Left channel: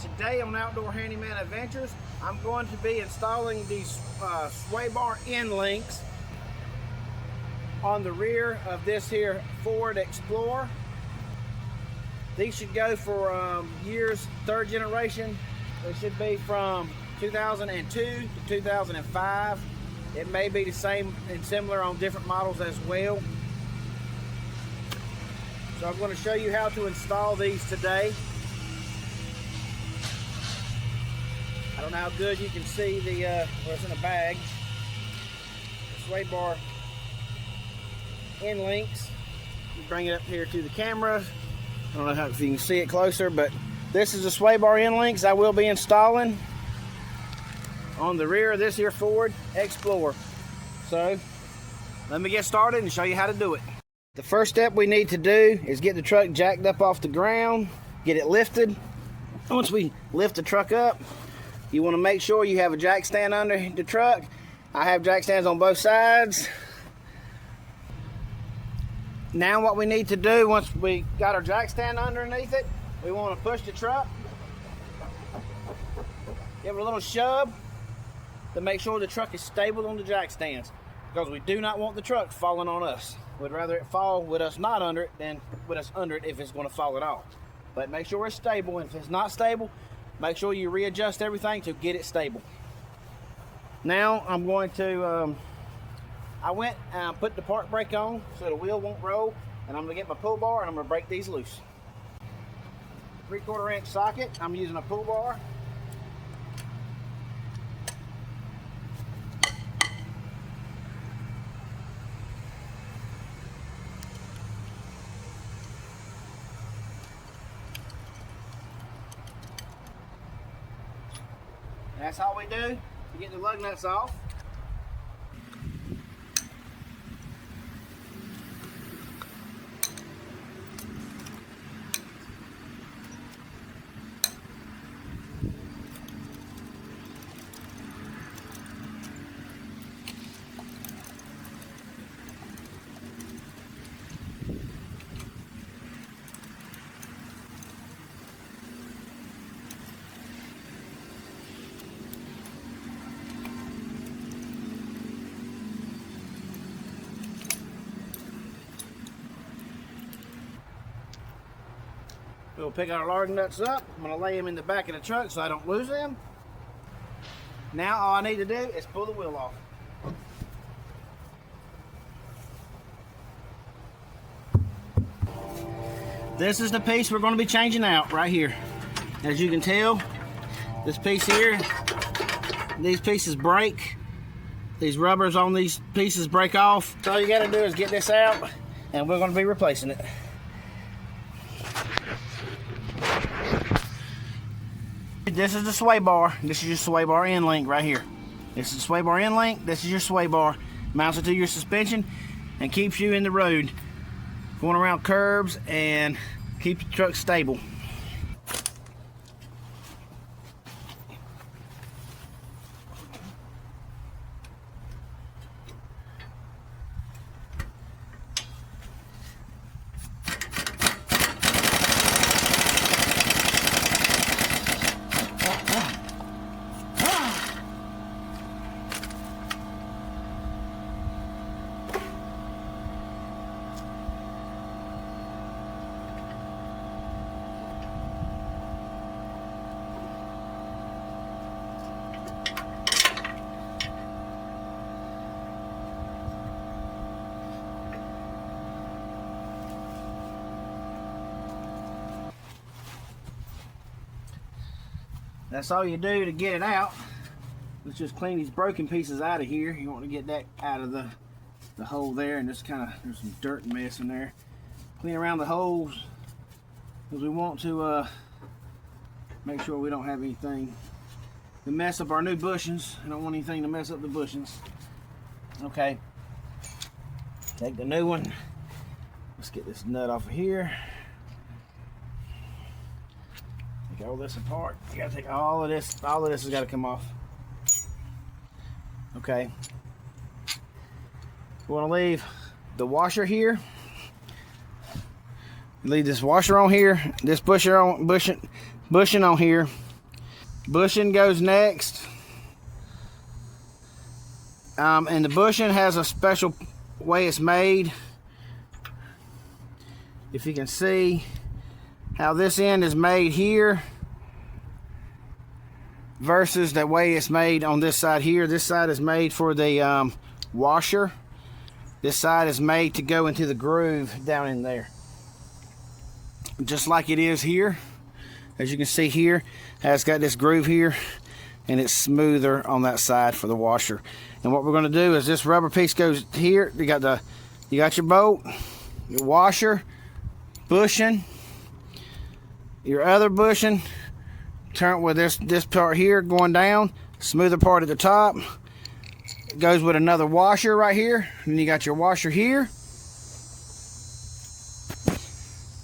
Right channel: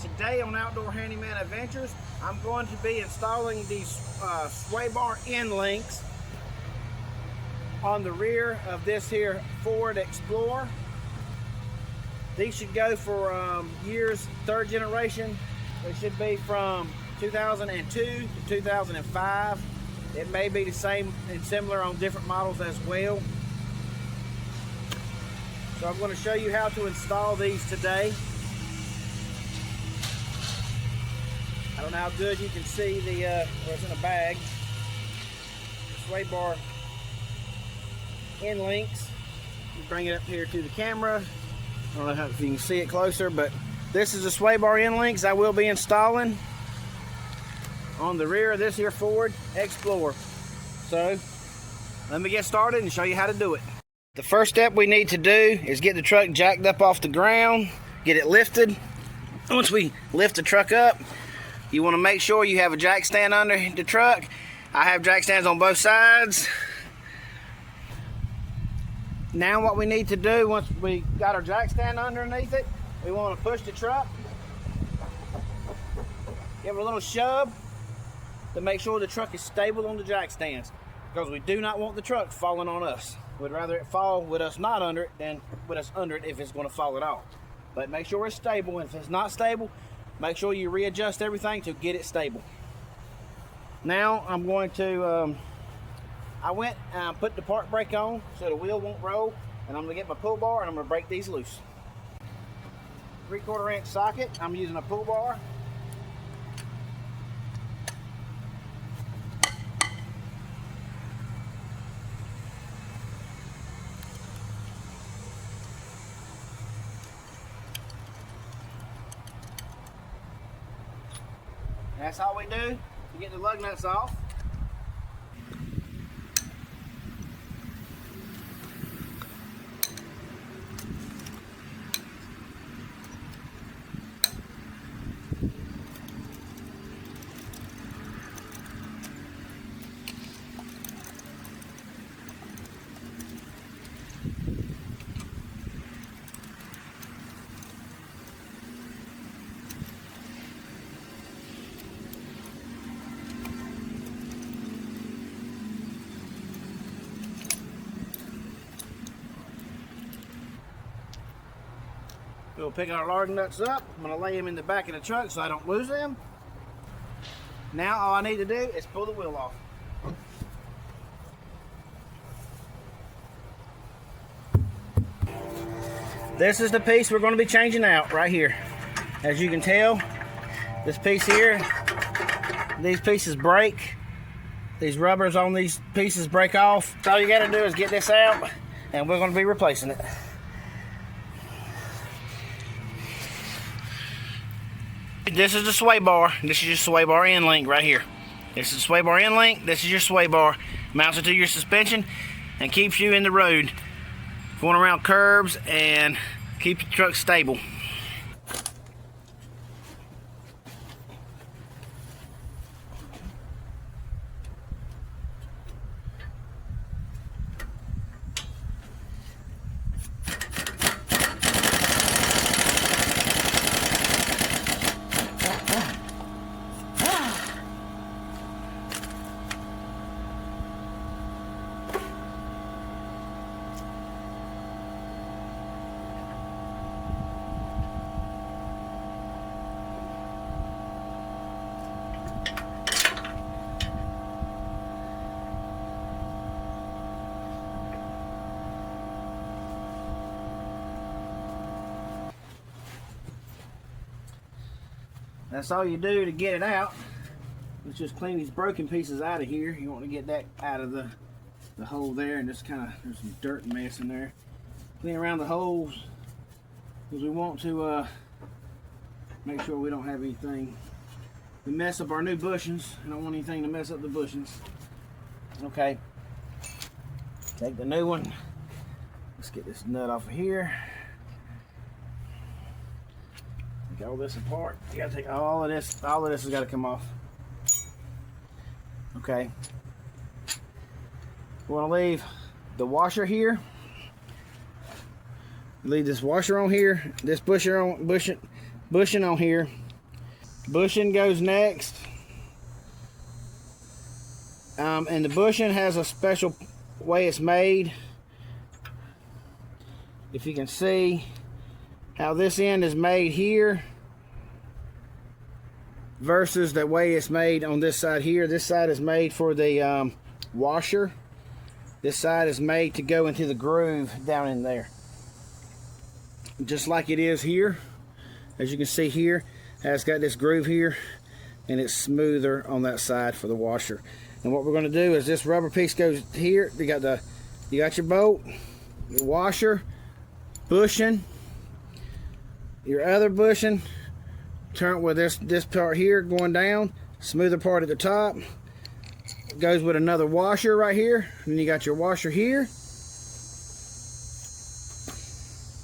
Today on Outdoor Handyman-Adventures, I'm going to be installing these sway bar end links on the rear of this here Ford Explorer. These should go for years, third generation. They should be from 2002 to 2005. It may be the same and similar on different models as well. So I'm going to show you how to install these today. I don't know how good you can see the what's in a bag. The sway bar end links. Let me bring it up here to the camera. I don't know if you can see it closer, but this is the sway bar end links I will be installing on the rear of this here Ford Explorer. So let me get started and show you how to do it. The first step we need to do is get the truck jacked up off the ground, get it lifted. Once we lift the truck up, you want to make sure you have a jack stand under the truck. I have jack stands on both sides. Now what we need to do, once we got our jack stand underneath it, we want to push the truck. Give it a little shove to make sure the truck is stable on the jack stands, because we do not want the truck falling on us. We'd rather it fall with us not under it than with us under it if it's going to fall at all. But make sure it's stable, and if it's not stable, make sure you readjust everything to get it stable. Now I'm going to, I went and put the park brake on so the wheel won't roll, and I'm going to get my pull bar and I'm going to break these loose. 3/4 inch socket, I'm using a pull bar. That's all we do to get the lug nuts off. We'll pick our lug nuts up. I'm going to lay them in the back of the truck so I don't lose them. Now all I need to do is pull the wheel off. This is the piece we're going to be changing out right here. As you can tell, this piece here, these pieces break. These rubbers on these pieces break off. So all you got to do is get this out, and we're going to be replacing it. This is the sway bar. This is your sway bar end link right here. This is the sway bar end link. This is your sway bar. Mounts it to your suspension and keeps you in the road, going around curbs, and keep your truck stable. That's all you do to get it out. Let's just clean these broken pieces out of here. You want to get that out of the hole there, and just kind of, there's some dirt and mess in there. Clean around the holes, because we want to make sure we don't have anything to mess up our new bushings. I don't want anything to mess up the bushings. Okay, take the new one. Let's get this nut off of here. Take all this apart. You gotta take all of this. All of this has got to come off. Okay. We want to leave the washer here. Leave this washer on here. This bushing on here. Bushing goes next. And the bushing has a special way it's made. If you can see how this end is made here versus the way it's made on this side here. This side is made for the washer. This side is made to go into the groove down in there. Just like it is here. As you can see here, it's got this groove here, and it's smoother on that side for the washer. And what we're going to do is this rubber piece goes here. You got your bolt, your washer, bushing, your other bushing. Turn with this part here going down, smoother part at the top. It goes with another washer right here. And then you got your washer here.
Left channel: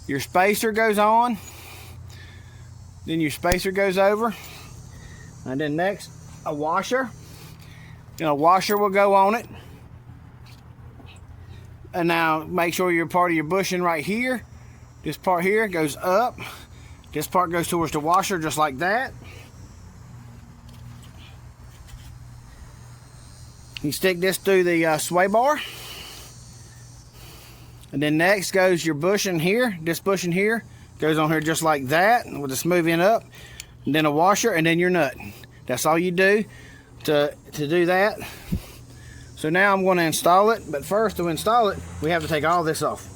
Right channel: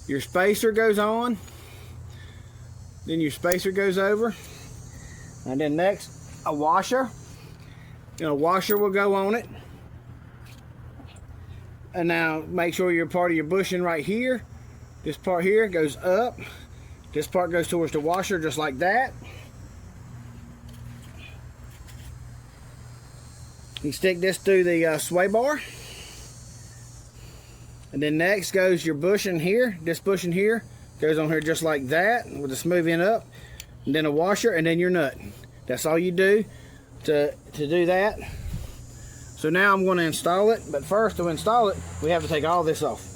Your spacer goes on. Then your spacer goes over. And then next, a washer. And a washer will go on it. And now make sure your part of your bushing right here. This part here goes up. This part goes towards the washer just like that. You stick this through the sway bar. And then next goes your bushing here. This bushing here goes on here just like that with the smooth end up. And then a washer and then your nut. That's all you do to do that. So now I'm going to install it. But first, to install it, we have to take all this off.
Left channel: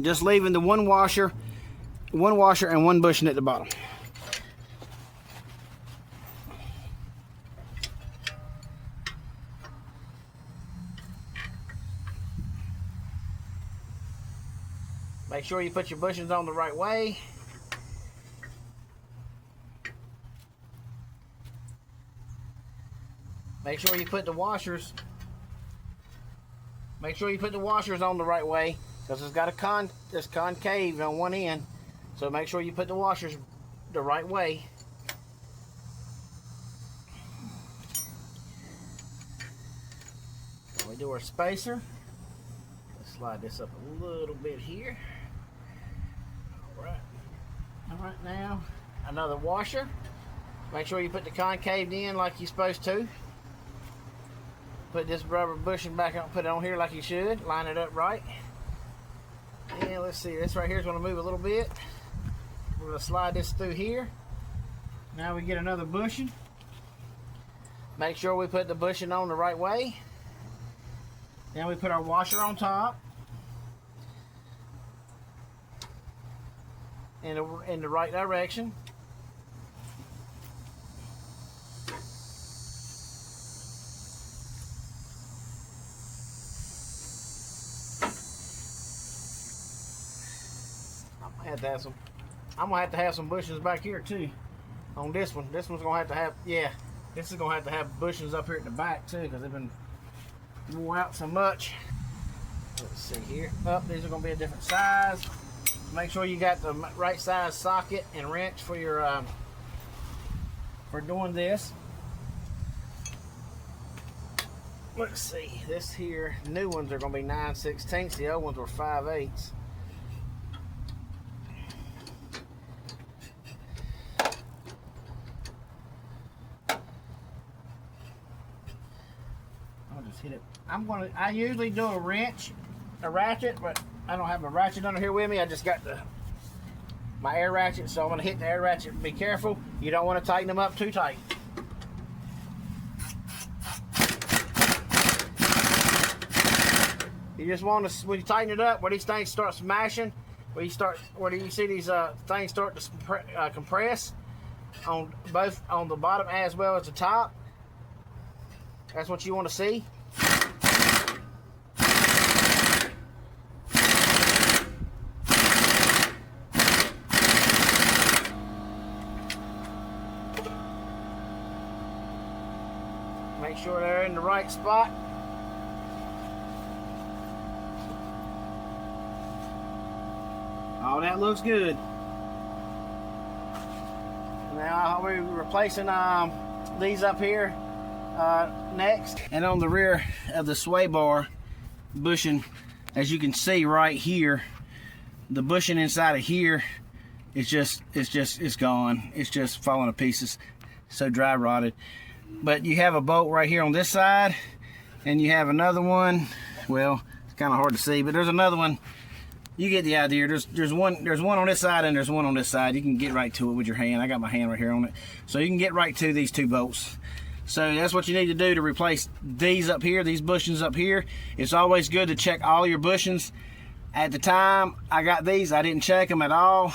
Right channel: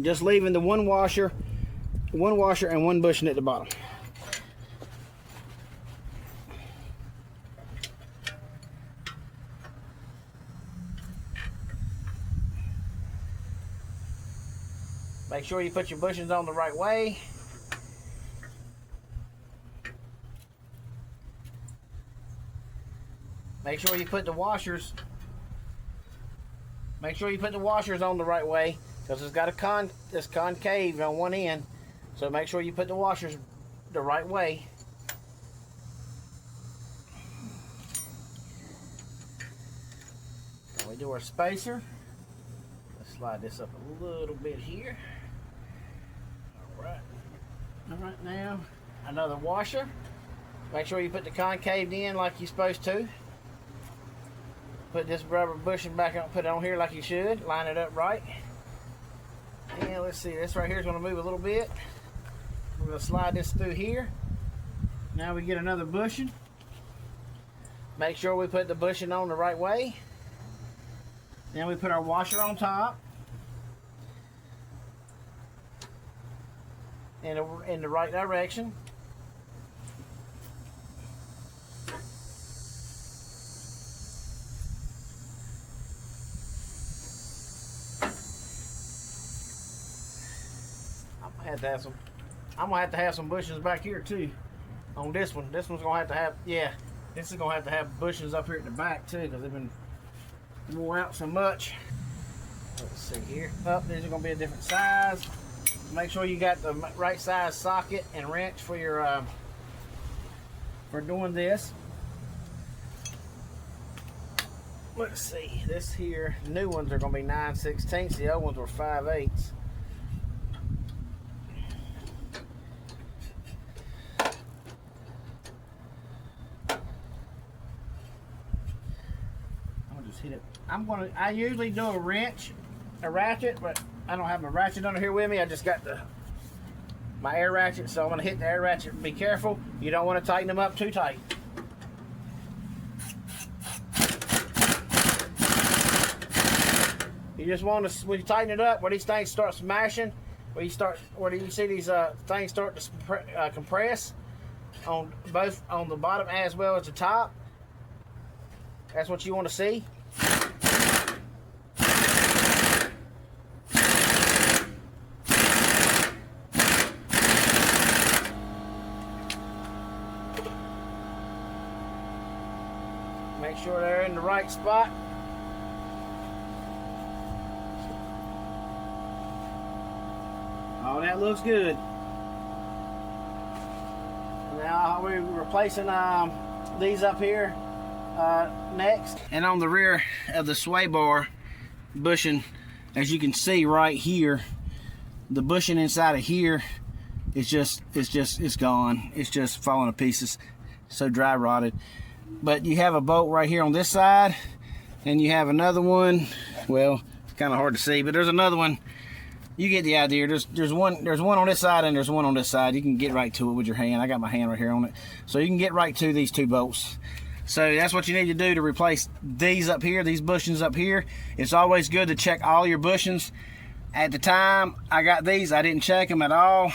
Just leaving the one washer and one bushing at the bottom. Make sure you put your bushings on the right way. Make sure you put the washers. Make sure you put the washers on the right way, because it's got this concave on one end. So make sure you put the washers the right way. Then we do our spacer. Let's slide this up a little bit here. All right, now another washer. Make sure you put the concave in like you're supposed to. Put this rubber bushing back on, put it on here like you should. Line it up right. And let's see, this right here is going to move a little bit. We're going to slide this through here. Now we get another bushing. Make sure we put the bushing on the right way. Then we put our washer on top. In the right direction. I'm gonna have to have some bushings back here too on this one. This one's gonna have to have, yeah, this is gonna have to have bushings up here at the back too, because they've been worn out so much. Let's see here. These are gonna be a different size. Make sure you got the right size socket and wrench for your for doing this. Let's see, this here, new ones are gonna be 9/16. The old ones were 5/8. I'll just hit it. I usually do a ratchet, but I don't have my ratchet under here with me. I just got my air ratchet, so I'm gonna hit the air ratchet. Be careful, you don't want to tighten them up too tight. You just want to, when you tighten it up, where these things start smashing, where you see these things start to compress on both on the bottom as well as the top. That's what you want to see. Make sure they're in the right spot. Oh, that looks good. Now we're replacing these up here next. And on the rear of the sway bar bushing, as you can see right here, the bushing inside of here it's gone. It's just falling to pieces. So dry rotted. But you have a bolt right here on this side, and you have another one. Well, it's kind of hard to see, but there's another one. You get the idea. There's one on this side and there's one on this side. You can get right to it with your hand. I got my hand right here on it, so you can get right to these two bolts. So that's what you need to do to replace these up here, these bushings up here. It's always good to check all your bushings. At the time I got these, I didn't check them at all,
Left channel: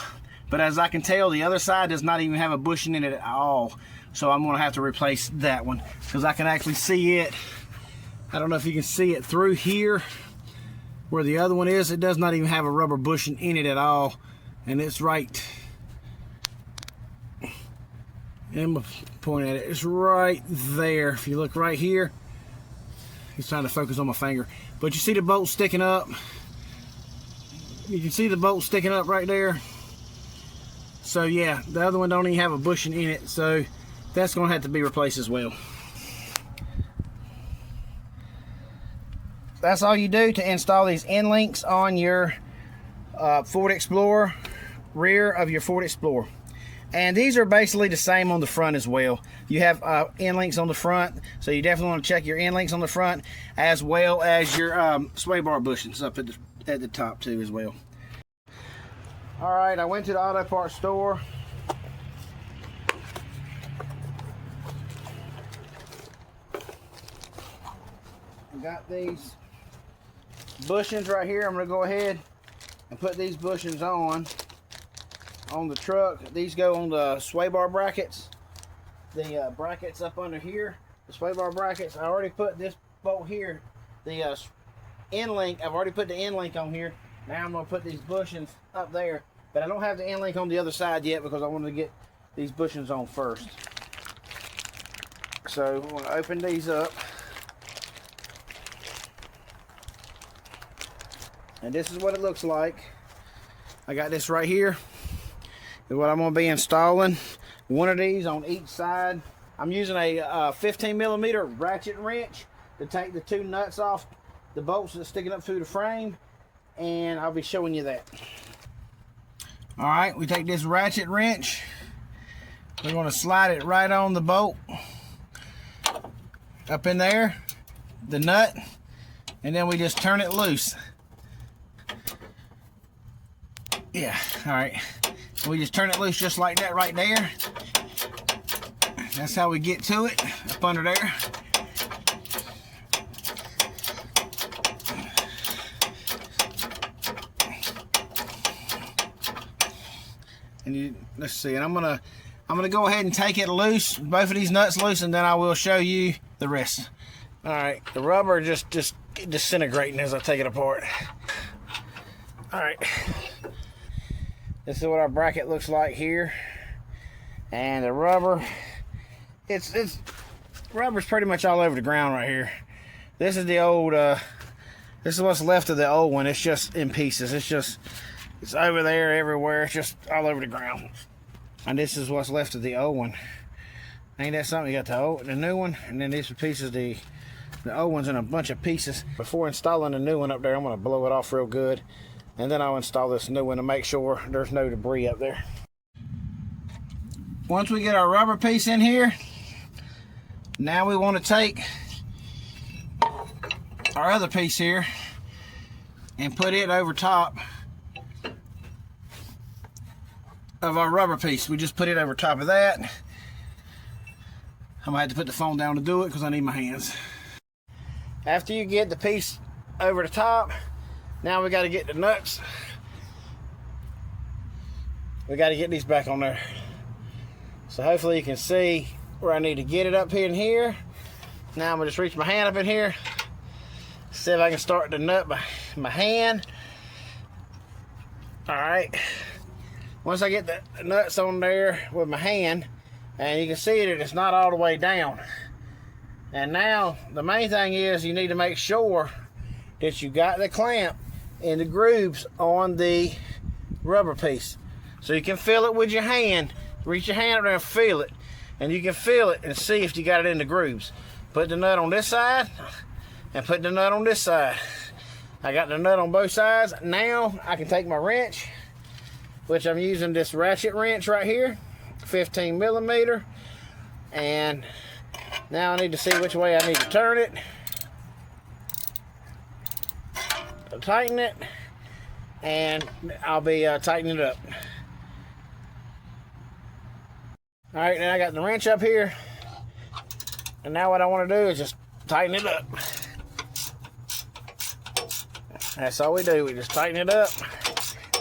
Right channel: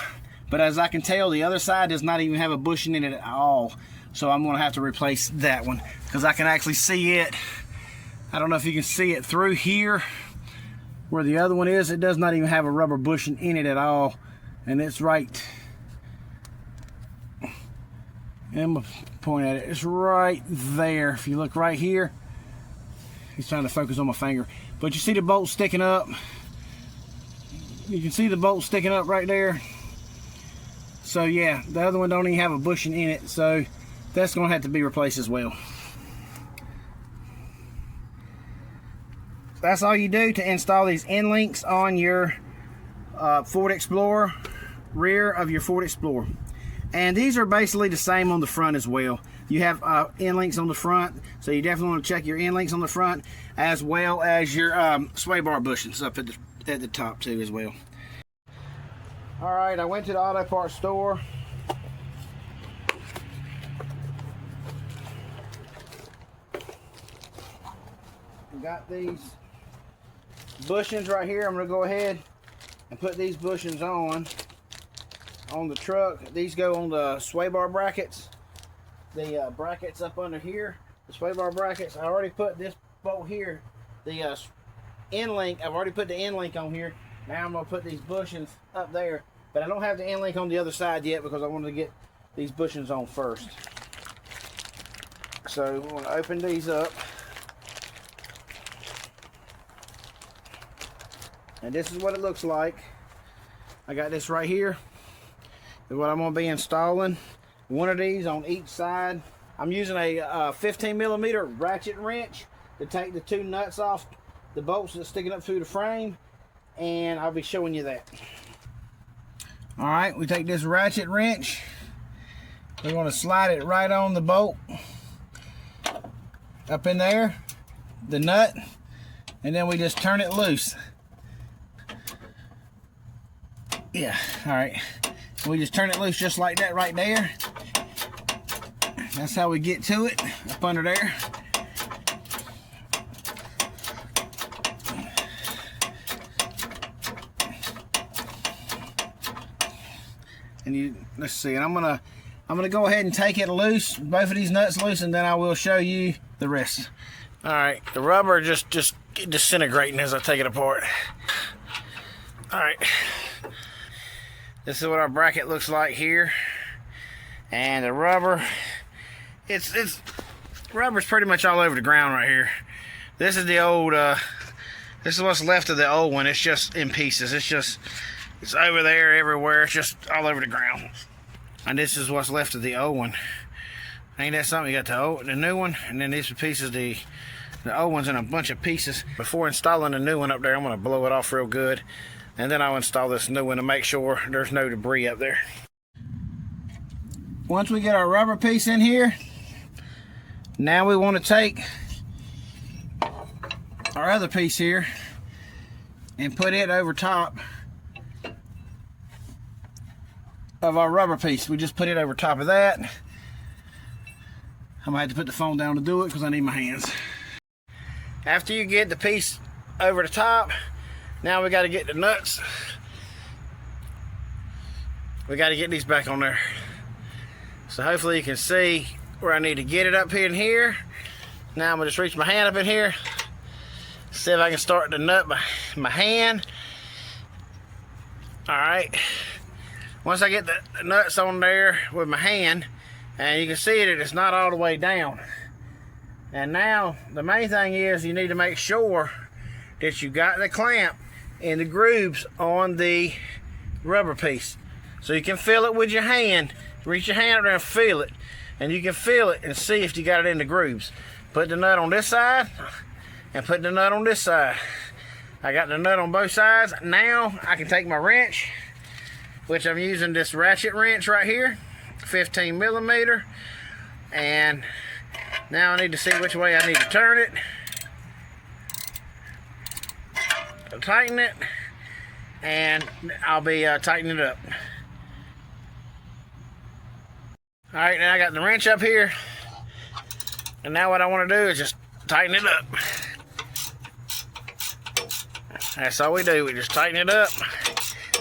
but as I can tell, the other side does not even have a bushing in it at all. So I'm gonna have to replace that one because I can actually see it. I don't know if you can see it through here where the other one is. It does not even have a rubber bushing in it at all, and it's right. I'm gonna point at it. It's right there. If you look right here, he's trying to focus on my finger, but you see the bolt sticking up. You can see the bolt sticking up right there. So yeah, the other one don't even have a bushing in it, so that's gonna have to be replaced as well. That's all you do to install these end links on your Ford Explorer, rear of your Ford Explorer. And these are basically the same on the front as well. You have end links on the front, so you definitely want to check your end links on the front, as well as your sway bar bushings up at the top too as well. All right, I went to the auto parts store. Got these bushings right here. I'm going to go ahead and put these bushings on the truck. These go on the sway bar brackets. The brackets up under here, the sway bar brackets. I already put this bolt here, the end link. I've already put the end link on here. Now I'm going to put these bushings up there, but I don't have the end link on the other side yet because I wanted to get these bushings on first. So we're going to open these up. And this is what it looks like. I got this right here. Is what I'm going to be installing. One of these on each side. I'm using a 15mm ratchet wrench to take the two nuts off the bolts that's sticking up through the frame, and I'll be showing you that. All right, we take this ratchet wrench. We're going to slide it right on the bolt up in there, the nut, and then we just turn it loose. Yeah, all right. We just turn it loose just like that right there. That's how we get to it, up under there. And let's see, and I'm gonna go ahead and take it loose, both of these nuts loose, and then I will show you the rest. All right, the rubber just disintegrating as I take it apart. All right. This is what our bracket looks like here, and the rubber, rubber's pretty much all over the ground right here. This is the old, this is what's left of the old one. It's just in pieces. It's over there everywhere. It's just all over the ground. And this is what's left of the old one. Ain't that something? You got the new one, and then these are pieces. The old one's in a bunch of pieces. Before installing the new one up there, I'm gonna blow it off real good. And then I'll install this new one to make sure there's no debris up there. Once we get our rubber piece in here, now we want to take our other piece here and put it over top of our rubber piece. We just put it over top of that. I'm gonna have to put the phone down to do it because I need my hands. After you get the piece over the top, now we got to get the nuts. We got to get these back on there. So hopefully you can see where I need to get it up here and here. Now I'm going to just reach my hand up in here. See if I can start the nut by my hand. All right. Once I get the nuts on there with my hand, and you can see that it's not all the way down. And now the main thing is you need to make sure that you got the clamp in the grooves on the rubber piece, so you can feel it with your hand. Reach your hand up there and feel it, and you can feel it and see if you got it in the grooves. Put the nut on this side and put the nut on this side. I got the nut on both sides. Now I can take my wrench which I'm using this ratchet wrench right here, 15 millimeter. And now I need to see which way I need to turn it, tighten it, and I'll be tightening it up. All right, now I got the wrench up here, and now what I want to do is just tighten it up. That's all we do, we just tighten it up.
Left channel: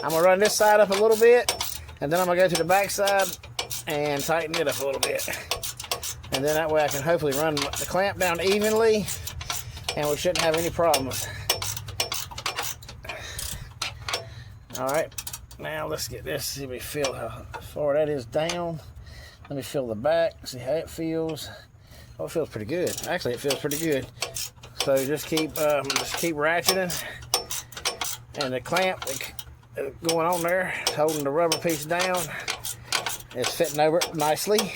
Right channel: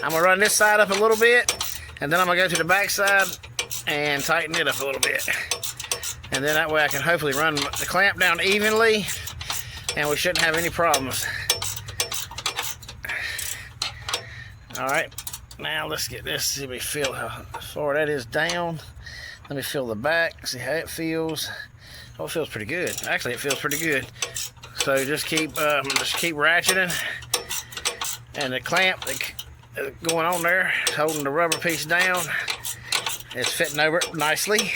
I'm gonna run this side up a little bit, and then I'm gonna go to the back side and tighten it up a little bit. And then that way I can hopefully run the clamp down evenly, and we shouldn't have any problems. All right, now let's get this, see if we feel how far that is down. Let me feel the back, see how it feels. Oh, it feels pretty good. Actually, it feels pretty good. So just keep ratcheting, and the clamp going on there, holding the rubber piece down, is fitting over it nicely.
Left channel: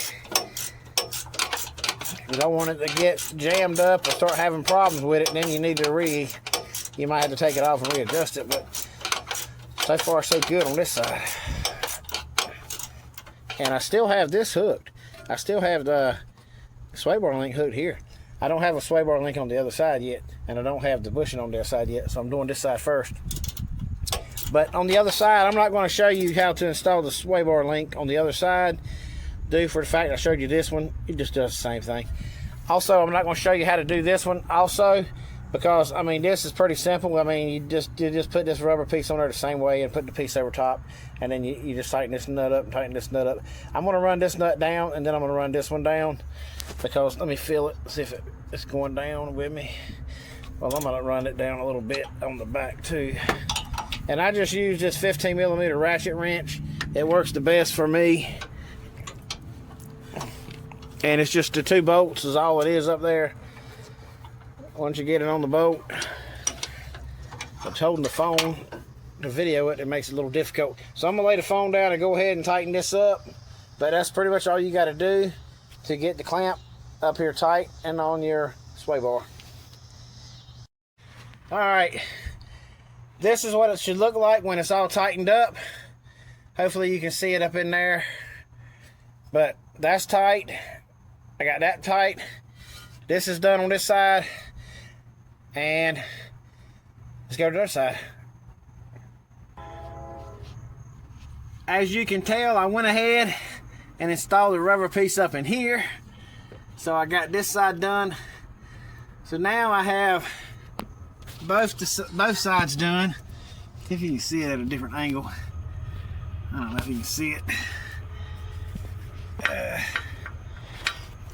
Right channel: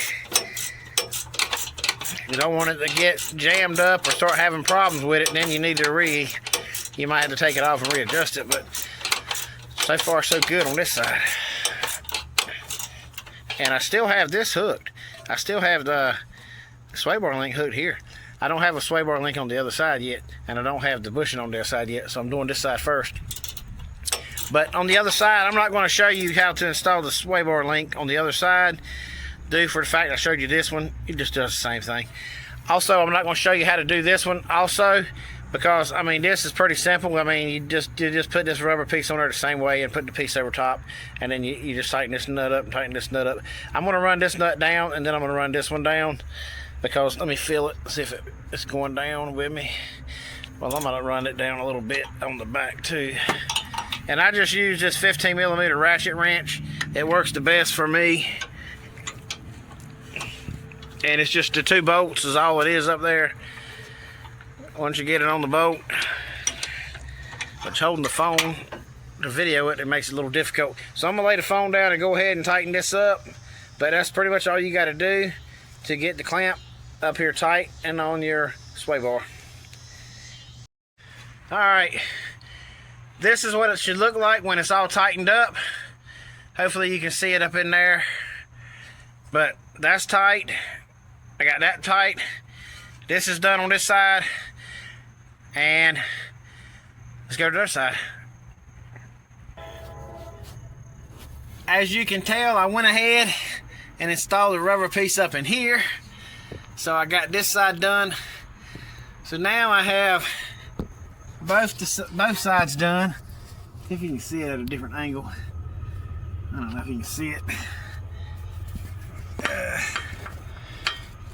You don't want it to get jammed up or start having problems with it, and then you need to you might have to take it off and readjust it. But so far so good on this side. And I still have this hooked. I still have the sway bar link hooked here. I don't have a sway bar link on the other side yet, and I don't have the bushing on the other side yet, so I'm doing this side first. But on the other side, I'm not going to show you how to install the sway bar link on the other side, due for the fact I showed you this one. It just does the same thing. Also, I'm not going to show you how to do this one also, because I mean this is pretty simple. I mean you just put this rubber piece on there the same way and put the piece over top, and then you just tighten this nut up and tighten this nut up. I'm going to run this nut down, and then I'm going to run this one down, because let me feel it, see if it's going down with me. Well, I'm going to run it down a little bit on the back too. And I just use this 15 millimeter ratchet wrench. It works the best for me. And it's just the 2 bolts is all it is up there. Once you get it on the bolt, but holding the phone to video it, it makes it a little difficult. So I'm gonna lay the phone down and go ahead and tighten this up. But that's pretty much all you gotta do to get the clamp up here tight and on your sway bar. All right, this is what it should look like when it's all tightened up. Hopefully you can see it up in there. But that's tight. I got that tight. This is done on this side. And let's go to the other side. As you can tell, I went ahead and installed the rubber piece up in here. So I got this side done. So now I have both sides done. If you can see it at a different angle. I don't know if you can see it.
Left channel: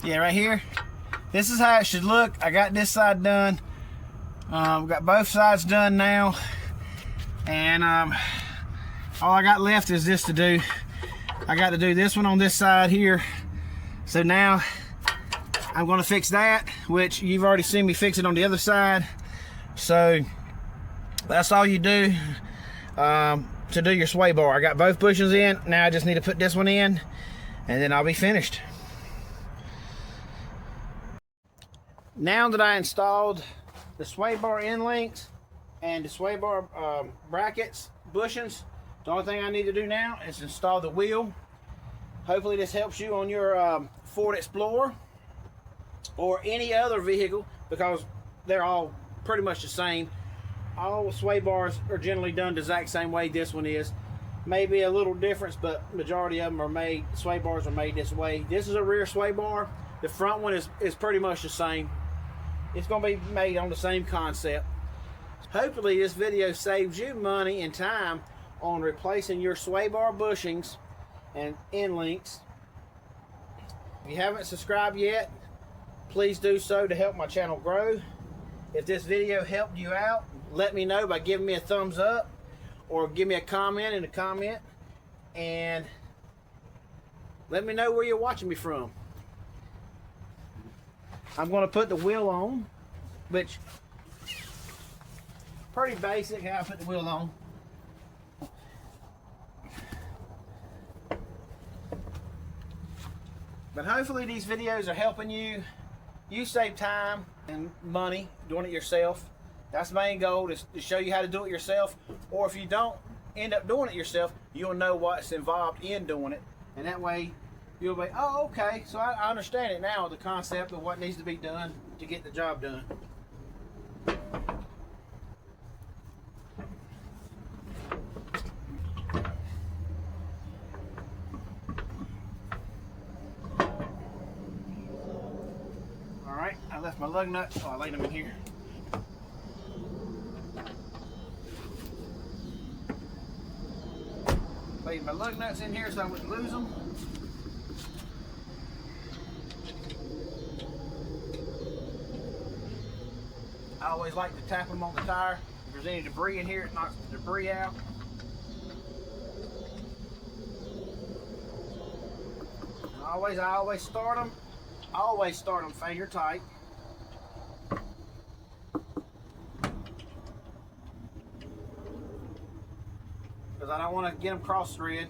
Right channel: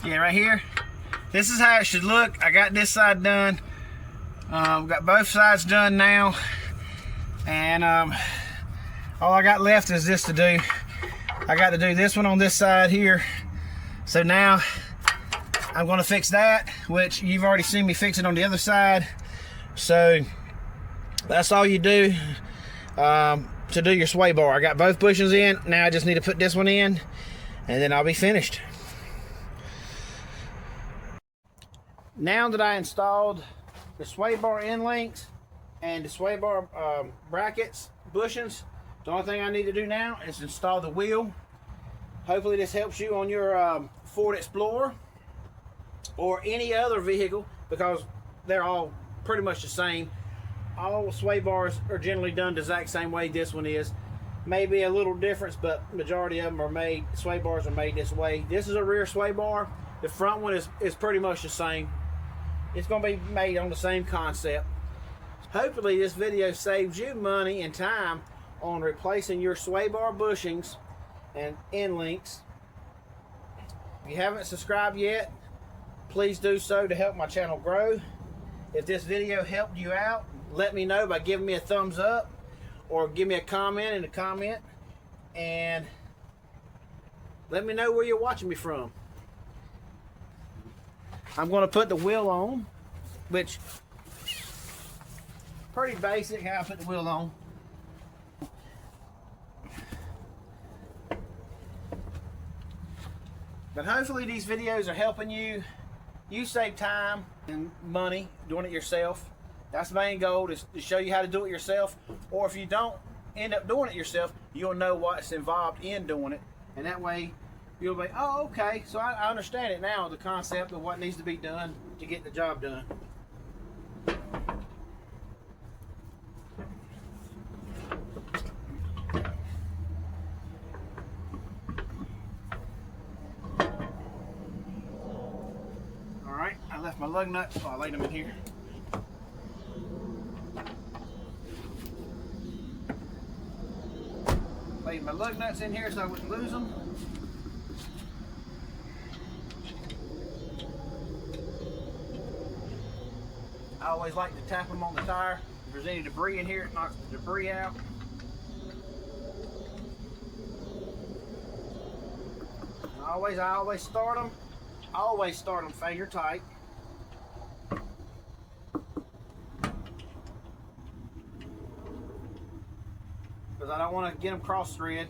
Yeah, right here. This is how it should look. I got this side done. Got both sides done now. And all I got left is this to do. I got to do this one on this side here. So now I'm going to fix that, which you've already seen me fix it on the other side. So that's all you do to do your sway bar. I got both bushings in. Now I just need to put this one in, and then I'll be finished. Now that I installed the sway bar end links and the sway bar brackets, bushings, the only thing I need to do now is install the wheel. Hopefully this helps you on your Ford Explorer or any other vehicle, because they're all pretty much the same. All sway bars are generally done the exact same way this one is. Maybe a little difference, but majority of them are made, sway bars are made this way. This is a rear sway bar. The front one is pretty much the same. It's going to be made on the same concept. Hopefully this video saves you money and time on replacing your sway bar bushings and end links. If you haven't subscribed yet, please do so to help my channel grow. If this video helped you out, let me know by giving me a thumbs up, or give me a comment in the comment, and let me know where you're watching me from. I'm going to put the wheel on, which pretty basic how I put the wheel on. But hopefully these videos are helping you. You save time and money doing it yourself. That's the main goal, is to show you how to do it yourself. Or if you don't end up doing it yourself, you'll know what's involved in doing it. And that way you'll be, oh, okay, so I understand it now, the concept of what needs to be done to get the job done. All right, I left my lug nuts, so I laid them in here. Laid my lug nuts in here so I wouldn't lose them. I always like to tap them on the tire. If there's any debris in here, it knocks the debris out. I always start them. Always start them failure tight. Because I don't want to get them cross thread.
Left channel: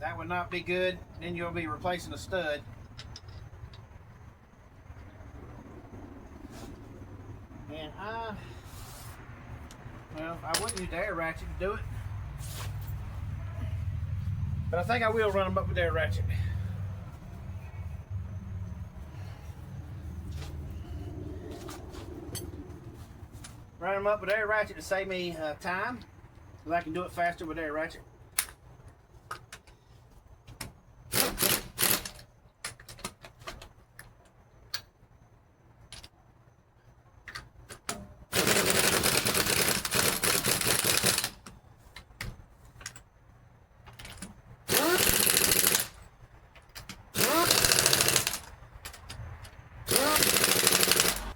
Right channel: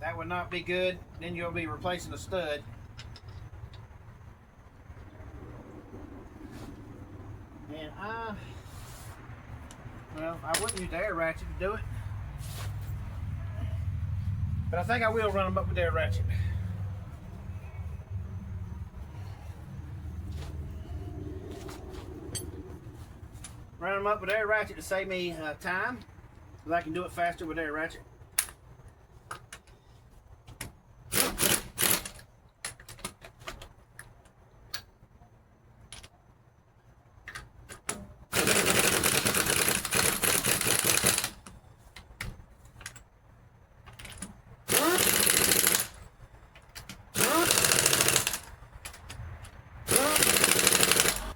That would not be good. Then you'll be replacing a stud. And I wouldn't use the air ratchet to do it. But I think I will run them up with the air ratchet. Run them up with air ratchet to save me time, because I can do it faster with air ratchet.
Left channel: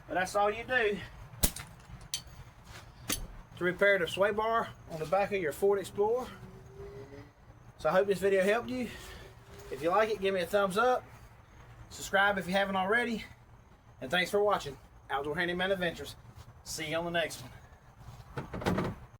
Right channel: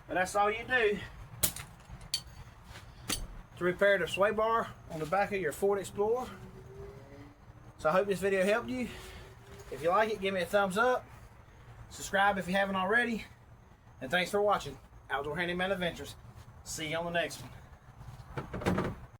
But that's all you do to repair the sway bar on the back of your Ford Explorer. So I hope this video helped you. If you like it, give me a thumbs up. Subscribe if you haven't already. And thanks for watching Outdoor Handyman Adventures. See you on the next one.